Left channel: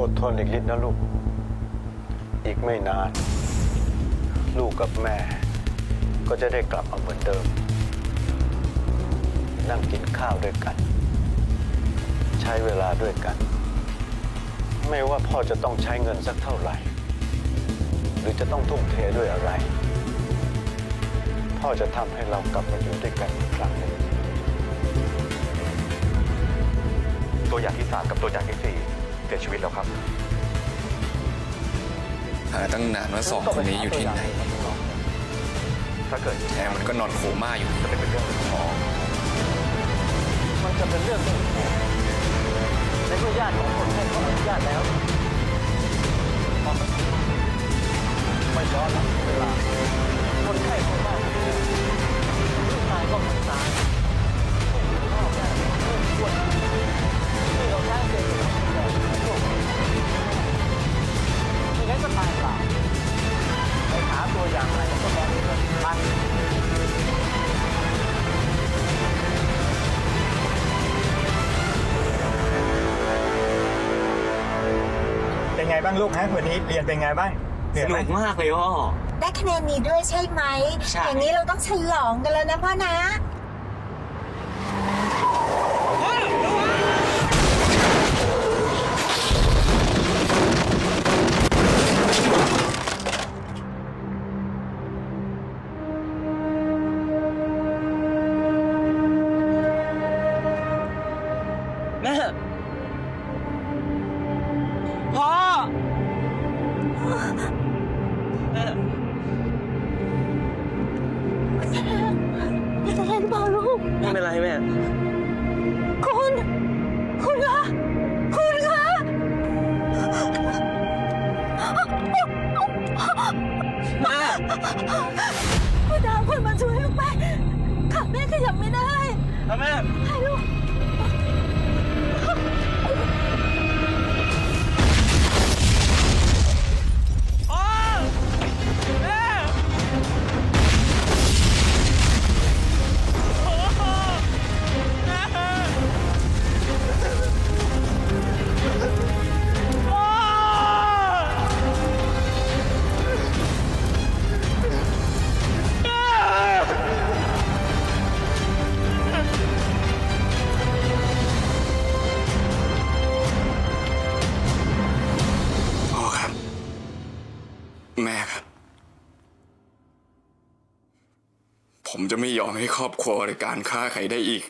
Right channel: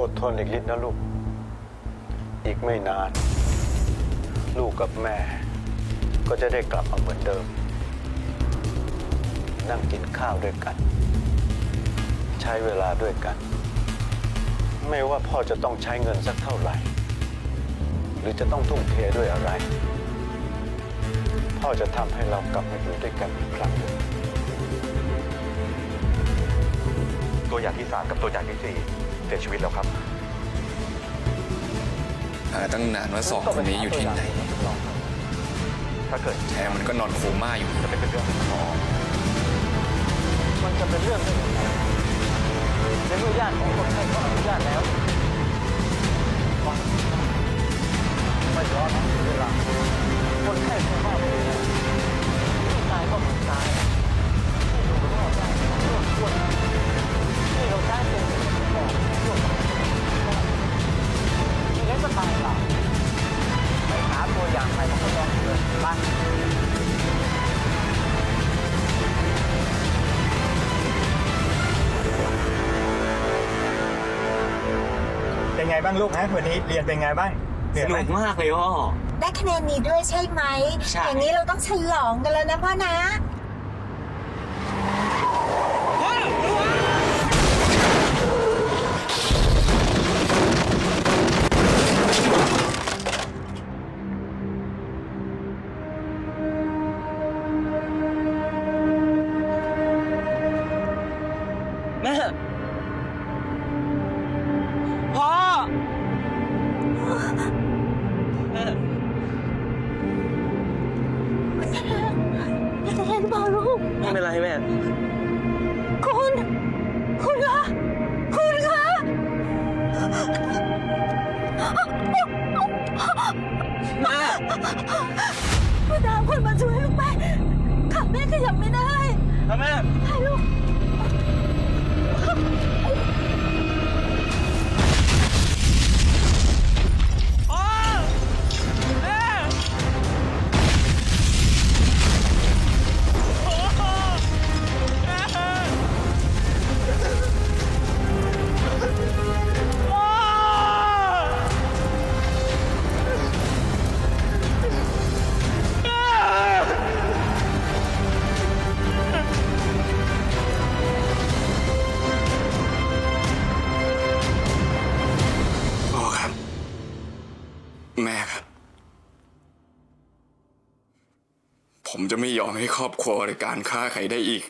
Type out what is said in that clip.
อดทนอีกนิดนะลูก อีกไม่นาน ลูกกับแม่ ก็จะได้กลับมาเหมือนเดิม นั่งกินข้าวด้วยกัน ใช้เวลาด้วยกัน ไม่ว่าพ่อจะต้องใช้เงินสักเท่าไหร่ หรือจะต้องทุ่มเทด้วยอะไร พ่อจะทำให้เรากลับมาอยู่ด้วยกันอีกครั้งหนึ่งตัวอย่างที่สามกับตัวอย่างที่สี่ เสียชีวิตแล้วครับ หาตั้งนานว่าสองคนนี้อยู่ที่ไหน ถ้าเกิดแท้มันก็นอนโคม่าอยู่ จะไม่เป็นเรื่องของหมอมันจะเป็นเรื่องได้ยังไงในเมื่อญาติของคนไข้เขาอนุญาตแล้วฟังมันดีมากไม่ย้อนแล้วเสียเวลา คนไข้โคม่าพวกเนี้ยมันไม่ตายก็เหมือนตายที่อยู่รอดได้ก็เพิ่มอ้วนที่เราใช้เป็นเด็กของสมองร่ วมกับคนที่รอดไม่งั้นก็ตายเปล่าไปหาตัวอย่างใหม่มาทดลองอีกเลยไปเป็นไงบ้างลูกฮะวันนี้เรียนเป็นไงบ้างเหนื่สอยไหมนุกมากเลยพ่อ ได้คะแนนนี้ด้วยใช่ไหม ใช่ อย่างนี้เราต้องฉลองกันแล้วนะพ่อนะ แม่พ่อแม่เป็นอะไรหรือเปล่าลูก ไม่เป็นไรแม่ คุณ คุณคะ คุณคะแม่พ่อดาวคนมาช่วยลูกไปขาแม่ขยับไม่ได้ครับแม่ ให้ลูก Ah! Oh! แม่ครับ ผมจะไม่ยอมให้ครอบครัวในการฆ่าใครได้อีก